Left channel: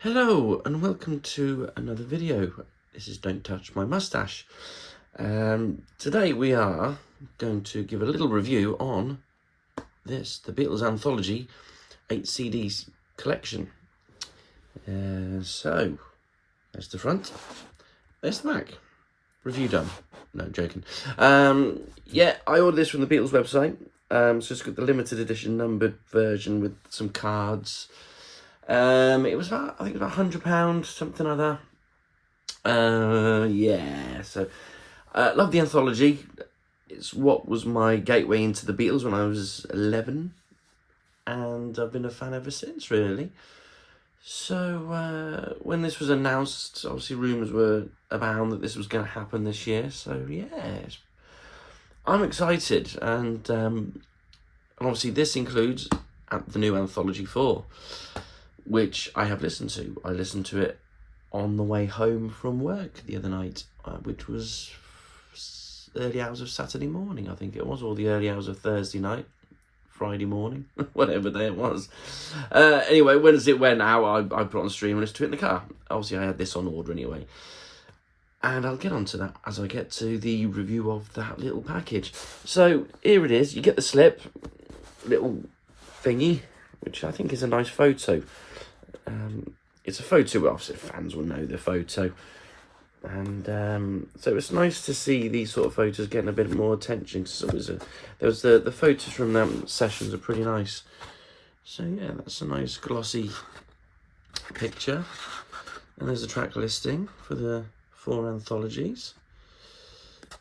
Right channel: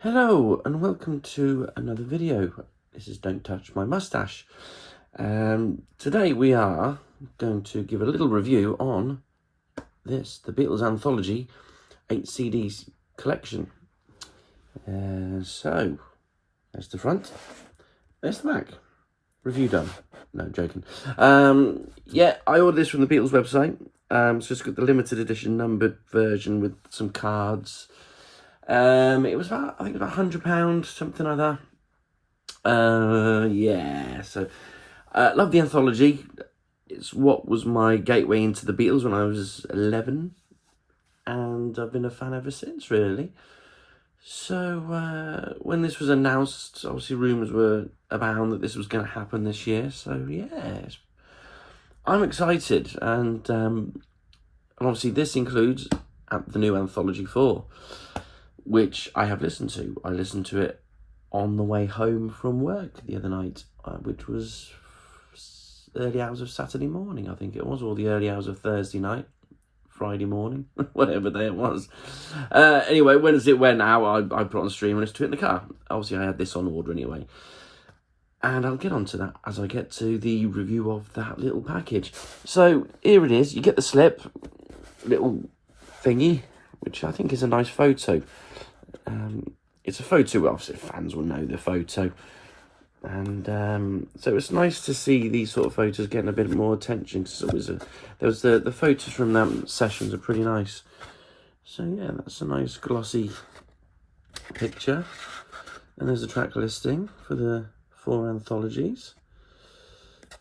Hello and welcome to another video. This is Don't Touch My Mustache. Today we are going to give a little review on this, the Beatles Anthology 8 CDs collection. So, there's the front, there's the back. Review done. No, joking. Yeah, I ordered this from the Beatles website. It's just got the limited edition numbered version with some cards. It was about, I think it was about £100, something like that. Yeah, so love the Anthology. It's what was my gateway into the Beatles when I was 11, and I've been a fan ever since, really. So when this was announced, obviously rumours were abound that this was going to happen this year. So yeah, I'm excited, and obviously this includes the new Anthology 4. Which I have listened to. I listened to it on the way home from work the other night, which was early hours of Saturday morning, I think it was, or the early hours of Thursday night, Friday morning, whatever day it was. Anyway, when it went out, I put on stream and listened to it in the car. Obviously, I had this on order anyway. And I'll get onto that as I get to the review of that little package. So, here it is. You get the slip, little thingy, which I think is a nice photo. It's a photo, obviously fans will know the photo, and so it's nice to see these sort of photos getting a bit more attention, because the photos from them sessions are pretty nice. So yeah, that's a nice glossy picture, and there's a track listing for the 4 anthologies.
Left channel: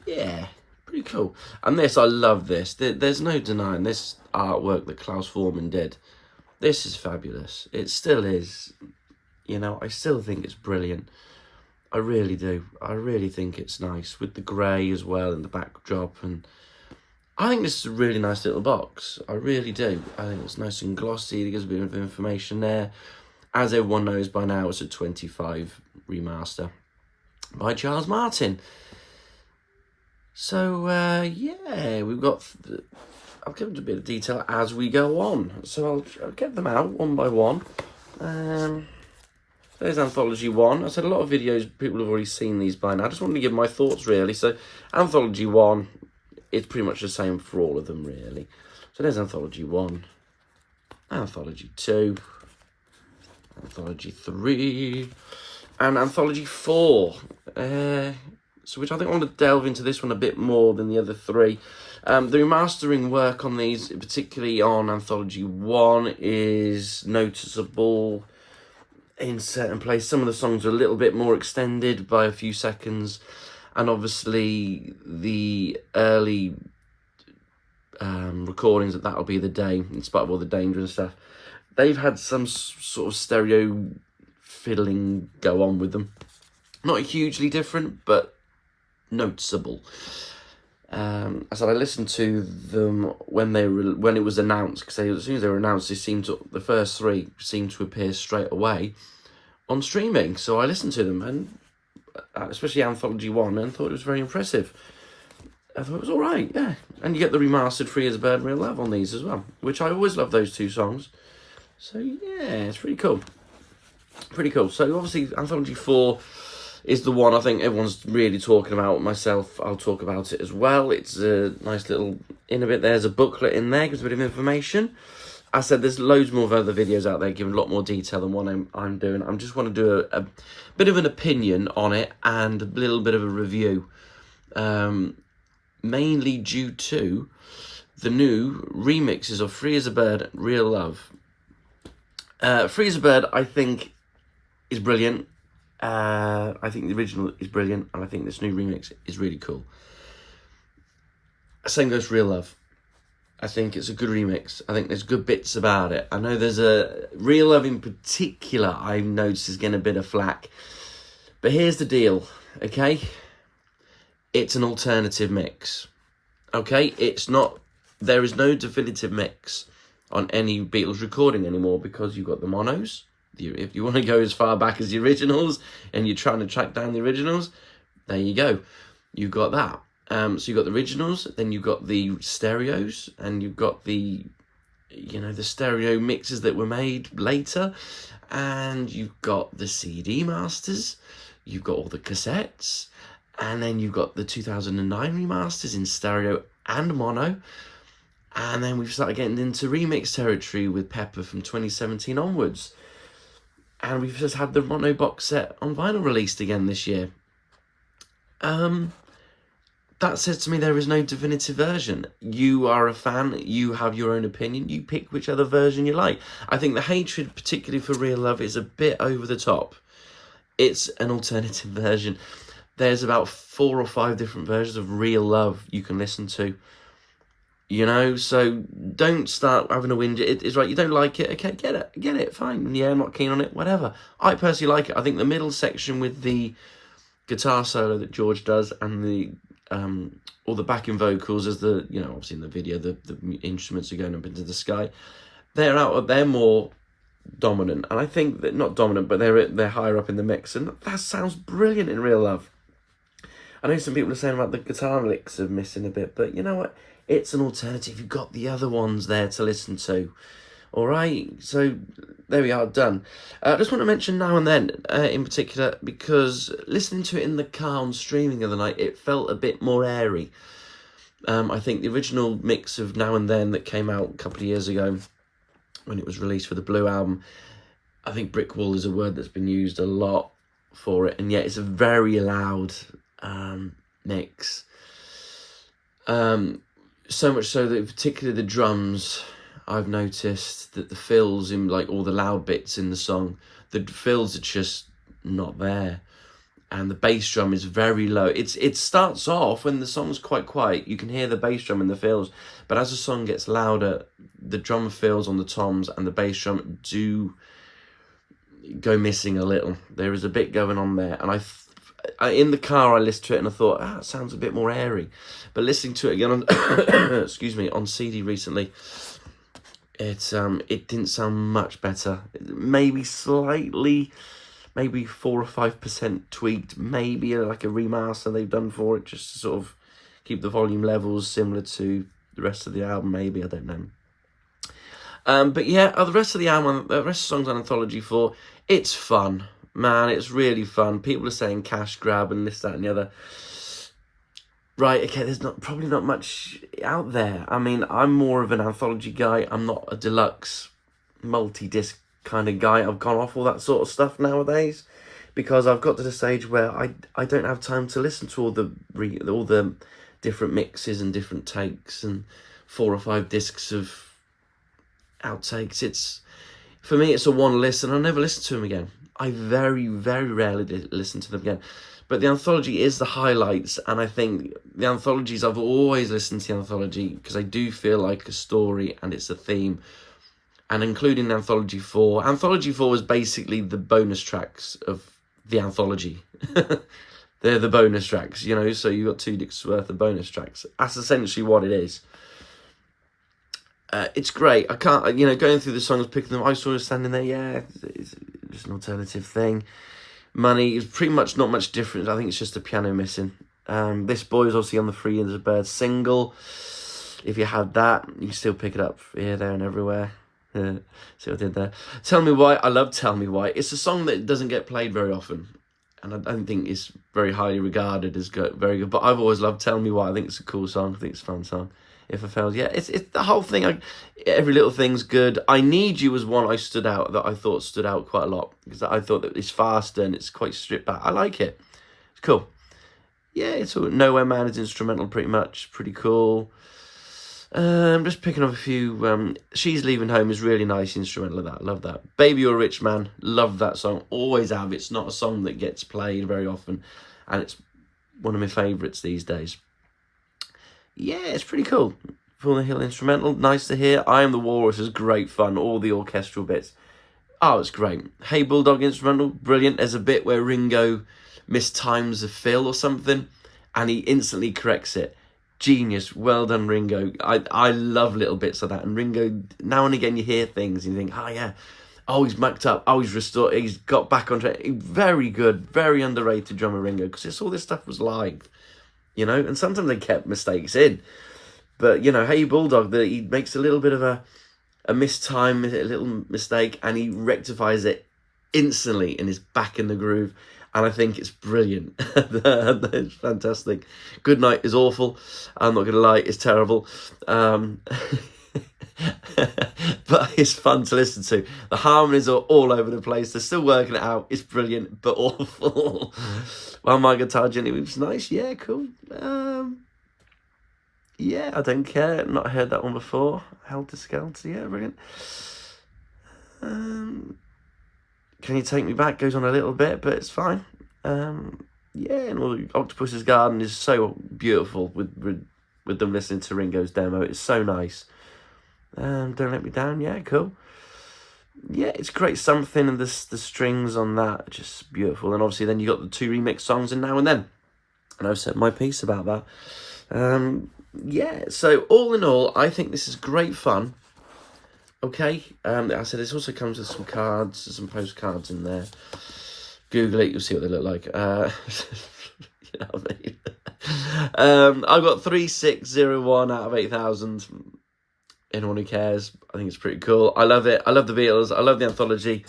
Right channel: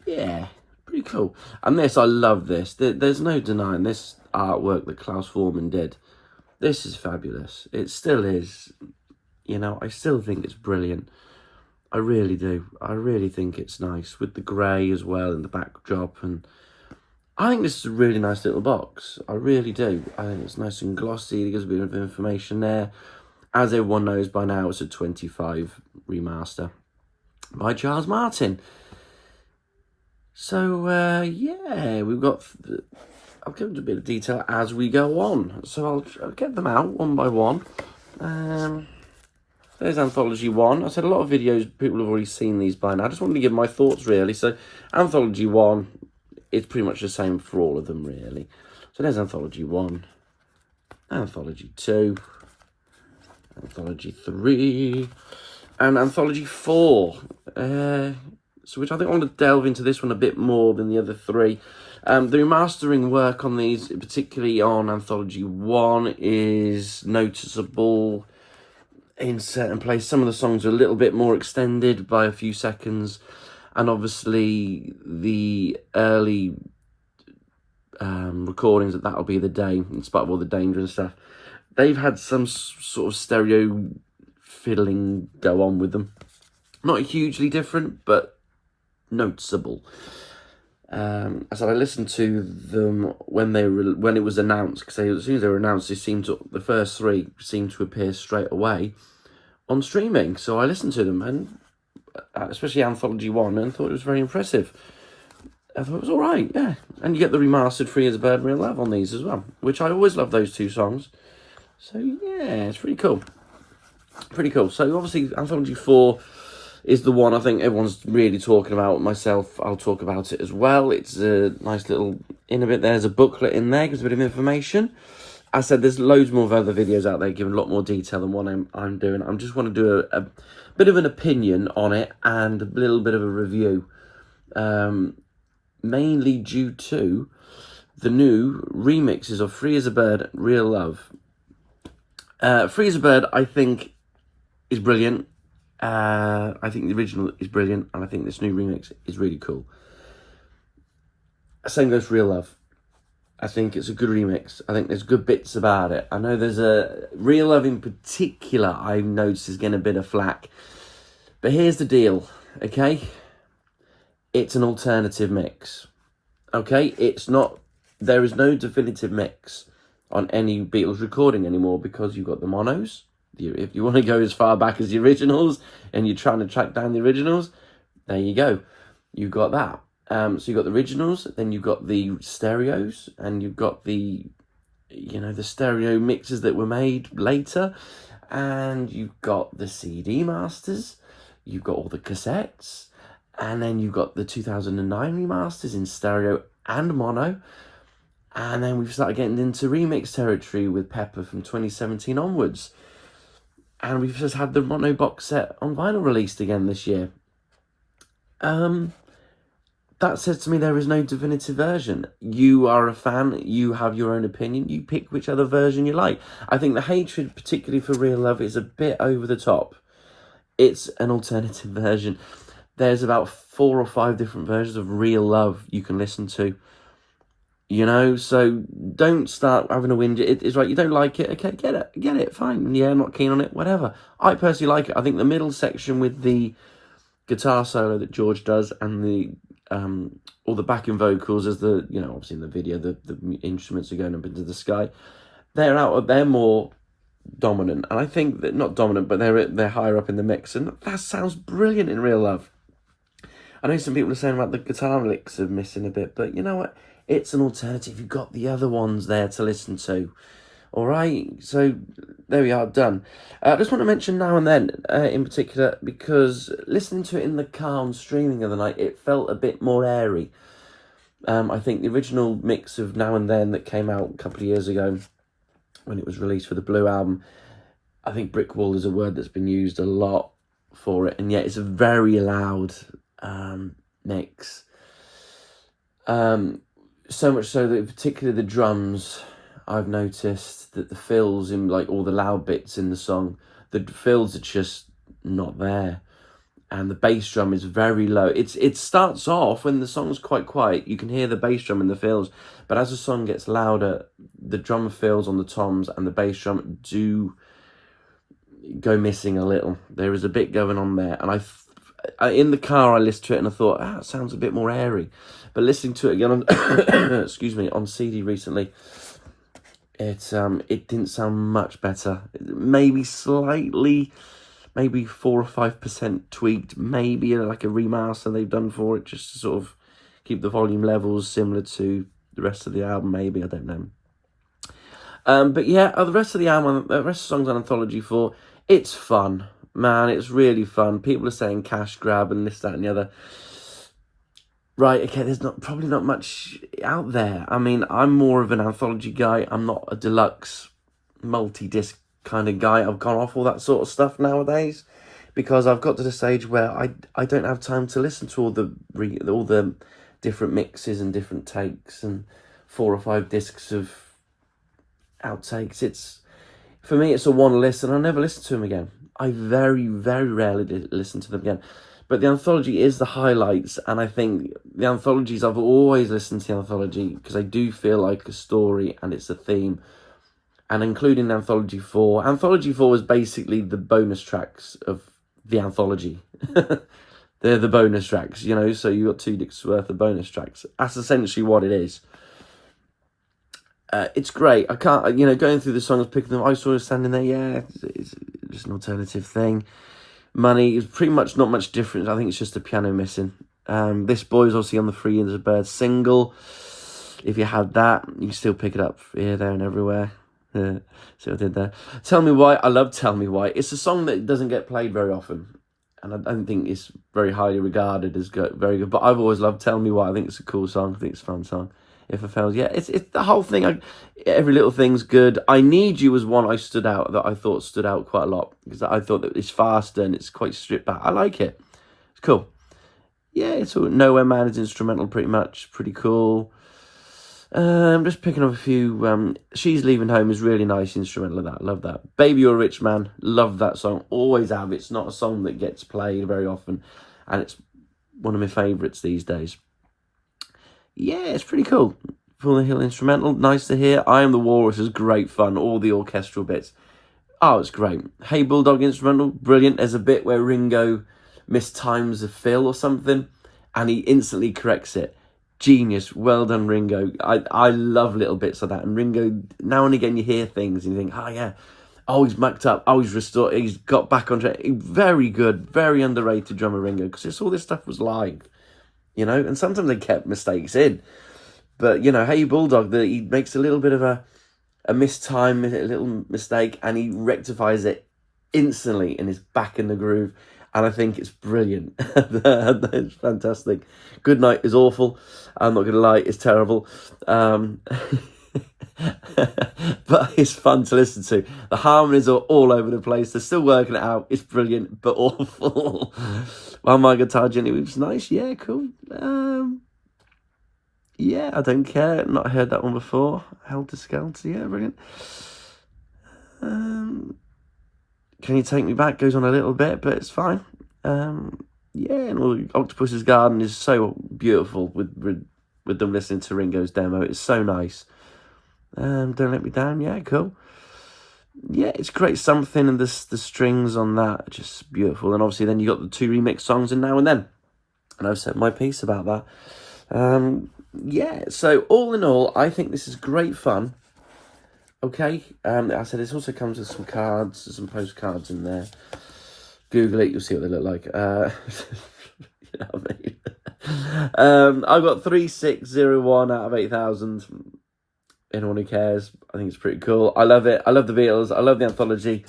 Yeah, pretty cool. And this, I love this. There's no denying this artwork that Klaus Foreman did. This is fabulous. It still is. You know, I still think it's brilliant. I really do. I really think it's nice with the grey as well and the backdrop. And I think this is a really nice little box. I really do. I think it's nice and glossy. It gives a bit of information there. As everyone knows by now, it's a 25 remaster by Charles Martin. So, yeah, we've got... I'll give it a bit of detail as we go on. So I'll get them out one by one. There's Anthology 1. I said a lot of videos, people have already seen these by now. I just wanted to give my thoughts, really. So Anthology 1, it's pretty much the same for all of them, really. So there's Anthology 1, Anthology 2, Anthology 3, and Anthology 4. So which I think I want to delve into this one a bit more than the other 3. The remastering work on these, particularly on Anthology 1, is noticeable in certain places. Some of the songs are a little bit more extended by a few seconds, and obviously the early recordings of That'll Be the Day, in spite of all the danger and stuff, they've had some sort of stereo fiddling go on with them. Not hugely different, but noticeable. I said I listened to them when it was announced, because as soon as they were announced, the first 3 seemed to appear straight away on streaming. So I listened to them, and especially Anthology 1, and thought it was very impressive. I thought it was all right, yeah. And you get the remastered Free as a Bird, Real Love on these as well, which I always love those 2 songs. So yeah, it's pretty cool. Pretty cool. So obviously Anthology 4 is the one I think everyone's really talking about. Myself, I'll talk about it as well. It's a nice little there's a booklet in there, gives a bit of information. I said there's loads more of other videos out there giving a lot more detail than what I'm doing. I just want to do a bit of an opinion on it and a little bit of a review, mainly due to the new remixes of Free as a Bird, Real Love. Free as a Bird, I think, is brilliant. I think the original is brilliant, and I think this new remix is really cool. Same goes for Real Love. I think it's a good remix. I think there's good bits about it. I know there's a Real Love in particular I've noticed is getting a bit of flack. But here's the deal, okay? It's an alternative mix. Okay? There is no definitive mix on any Beatles recording anymore, because you've got the monos. If you want to go as far back as the originals and you're trying to track down the originals, there you go. You've got that. So you've got the originals, then you've got the stereos, and you've got the stereo mixes that were made later. and you've got the CD masters, you've got all the cassettes, and then you've got the 2009 remasters in stereo and mono, and then we've started getting into remix territory with Pepper from 2017 onwards, and we've just had the mono box set on vinyl released again this year. That says to me there is no definitive version. You are a fan, you have your own opinion, you pick which other version you like. I think the hatred, particularly for Real Love, is a bit over the top. It's an alternative version. There's about 4 or 5 different versions of Real Love you can listen to. You know, so don't start having a whinge. It's right, you don't like it, okay, get it, fine. Yeah, I'm not keen on it, whatever. I personally like it. I think the middle section with the guitar solo that George does and the all the backing vocals, as the, you know, obviously in the video the instruments are going up into the sky, they're more dominant, and I think that, not dominant, but they're higher up in the mix, and that sounds brilliant in Real Love. I know some people are saying about the guitar licks are missing a bit, but you know what, it's an alternative. You've got the other ones there to listen to. All right, so there we are, done. I just want to mention Now and Then in particular, because listening to it in the car on streaming the other night, it felt a bit more airy. I think the original mix of Now and Then that came out a couple of years ago when it was released for the Blue Album, I think brick wall is a word that's been used a lot for it, and yet it's a very loud mix. So much so that particularly the drums, I've noticed that the fills in, like, all the loud bits in the song, the fills are just not there, and the bass drum is very low. It starts off when the song's quite quiet, you can hear the bass drum and the fills, but as the song gets louder, the drum fills on the toms and the bass drum do go missing a little. There is a bit going on there, and I in the car I listened to it and I thought, it sounds a bit more airy, but listening to it again on excuse me, on CD recently, it didn't sound much better. Maybe slightly, maybe 4 or 5% tweaked, maybe like a remaster they've done for it, just to sort of keep the volume levels similar to the rest of the album, maybe, I don't know. But yeah, the rest of the album, the rest of the songs on Anthology 4, it's fun, man, it's really fun. People are saying cash grab and this, that and the other. Right, okay, there's probably not much out there. I mean, I'm more of an anthology guy. I'm not a deluxe multi-disc kind of guy. I've gone off all that sort of stuff nowadays because I've got to the stage where I don't have time to listen to all the different mixes and different takes and 4 or 5 discs of outtakes. For me, it's a one listen. I never listen to them again. I very, very rarely listen to them again. But the Anthology is the highlights, and I think the Anthologies, I've always listened to the Anthology because I do feel like a story and it's a theme. And including Anthology 4. Anthology 4 is basically the bonus tracks of the Anthology. They're the bonus tracks, you know, so you got 2 discs worth of bonus tracks. That's essentially what it is. It's great. I can't, you know, going through the songs, picking them, I was sort of standing there, yeah, it's just an alternative thing. Money is pretty much not much different. I think it's just a piano missing. This Boy is obviously on the Free as a Bird single. If you had that, you can still pick it up here, there and everywhere. Yeah, see what I did there. Tell Me Why. I love Tell Me Why. It's a song that doesn't get played very often, and I don't think it's very highly regarded as very good, but I've always loved Tell Me Why. I think it's a cool song. I think it's a fun song. If I Failed, yeah, it's the whole thing. Every Little Thing's good. I Need You was one I thought stood out quite a lot because I thought that it's faster and it's quite stripped back. I like it. It's cool. Yeah, it's all Nowhere Man is instrumental, pretty much. Pretty cool. I'm just picking up a few. She's Leaving Home is really nice instrumental of that. Love that. Baby You're a Rich Man. Love that song. Always have. It's not a song that gets played very often, and it's one of my favourites these days. Yeah, it's pretty cool. Full the Hill instrumental, nice to hear. I Am the Walrus is great fun. All the orchestral bits. Oh, it's great. Hey Bulldog instrumental, brilliant. There's a bit where Ringo mistimes a fill or something, and he instantly corrects it. Genius. Well done, Ringo. I love little bits like that. And Ringo, now and again you hear things and you think, oh yeah, oh he's mucked up, oh he's restored, he's got back on track. Very good, very underrated drummer Ringo, because all this stuff was live. You know, and sometimes they kept mistakes in. But, you know, Hey Bulldog, he makes a little bit of a mistime, a little mistake, and he rectifies it instantly and is back in the groove. And I think it's brilliant. It's fantastic. Goodnight is awful. I'm not going to lie, it's terrible. But it's fun to listen to. The harmonies are all over the place. They're still working it out. It's brilliant, but awful. While my guitar gently weeps, nice. Yeah, cool. Yeah, I don't care. Not heard that one before. Helter Skelter. Yeah, brilliant. Can You Take Me Back goes on a little bit, but it's fine. Yeah, and well, Octopus's Garden is so beautiful with them listening to Ringo's demo. It's so nice. Don't Let Me Down. Yeah, cool. Yeah, it's great. Something, and the strings on that are just beautiful. And obviously then you got the 2 remix songs in Now and Then. And I've said my piece about that. Yeah, so all in all, I think this is great fun. Okay, I said this also comes with some cards, some postcards in there. Google it, you'll see what they look like. You know what I mean? I've got 3601 out of 8,000. Anyone who cares, I think it's pretty cool. I love it. I love the Beatles. I love the Anthology.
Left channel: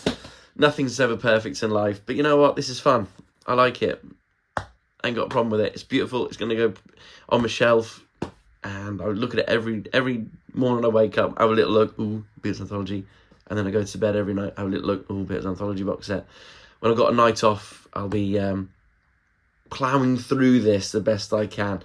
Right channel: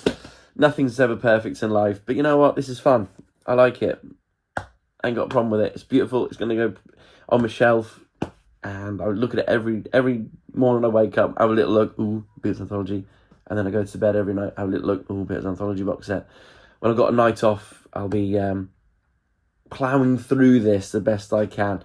Nothing's ever perfect in life, but you know what? This is fun. I like it. I ain't got a problem with it. It's beautiful. It's going to go on my shelf. And I would look at it every morning I wake up, have a little look, ooh, Beatles Anthology. And then I go to bed every night, have a little look, ooh, Beatles Anthology box set. When I've got a night off, I'll be ploughing through this the best I can.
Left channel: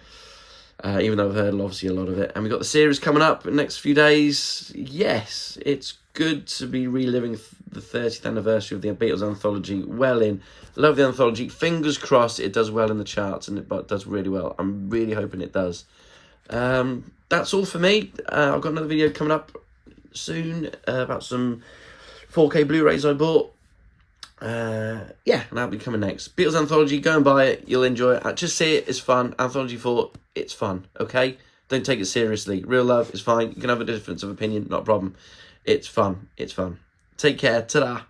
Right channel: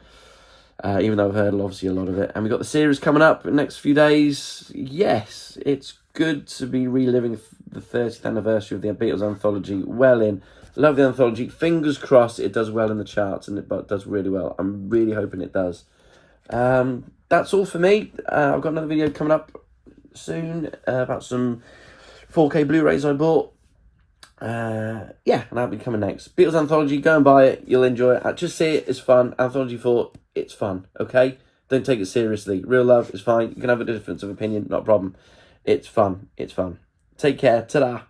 Even though I've heard obviously a lot of it. And we've got the series coming up in the next few days. Yes, it's good to be reliving the 30th anniversary of the Beatles Anthology. Well in. Love the Anthology. Fingers crossed it does well in the charts, and it does really well. I'm really hoping it does. That's all for me. I've got another video coming up soon about some 4K Blu-rays I bought. Yeah, and that'll be coming next. Beatles Anthology, go and buy it. You'll enjoy it. Just see it. It's fun. Anthology 4, it's fun. Okay? Don't take it seriously. Real love is fine. You can have a difference of opinion. Not a problem. It's fun. It's fun. Take care. Ta-da.